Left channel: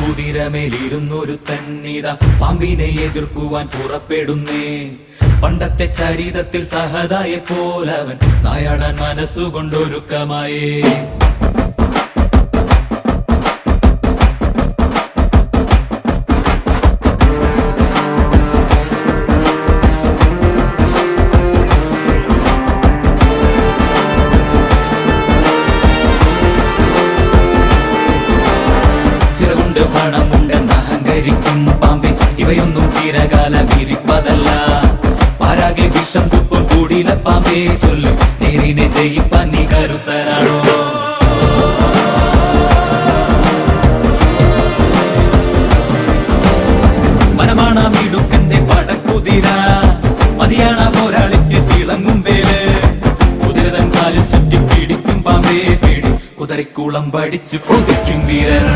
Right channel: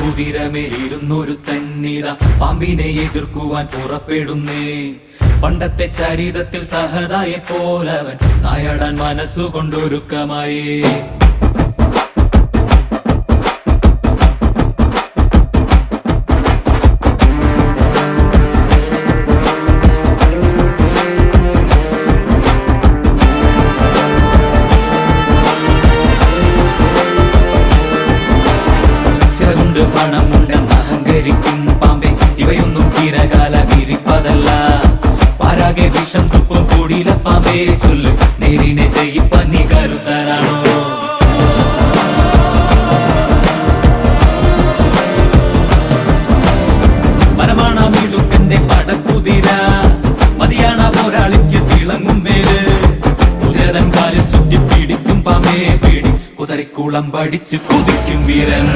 കുതിരമേലിരുന്നൊരു തന്നിത പാമ്പിനെ എതിർക്കുവാൻ പുറപ്പെടുന്നേ. പണ്ടത്തെ ചരിതത്തിൽ സഹതായെ പോലവൻ നായാടാൻ മനസ്സുകൊണ്ടൊരുക്കമായേ. ചിറകുണ്ട് പണമുണ്ടെന്ന് അഹങ്കരിക്കും പാമ്പേ, ഇവയൊന്നും ചിരകാലം ഇരിപ്പതല്ല. പാരാകെ വിഷം തുപ്പും കൂടിയില പാമ്പേ, ചൊല്ല് നേരിനെ ജയിപ്പാൻ നീ കരുത്തനാണോ? മനമാണ മിടുക്കന്റെ പടക്കുതിര, മതിയാണ പോരാളിക്ക് തിളങ്ങും വേല്. കുതിരതൻ കാലിൽ ചുറ്റി പിടിക്കും പാമ്പേ പേടി, കുതിരക്കുളം പഠിച്ചു കൊതിക്കും വീരൻ.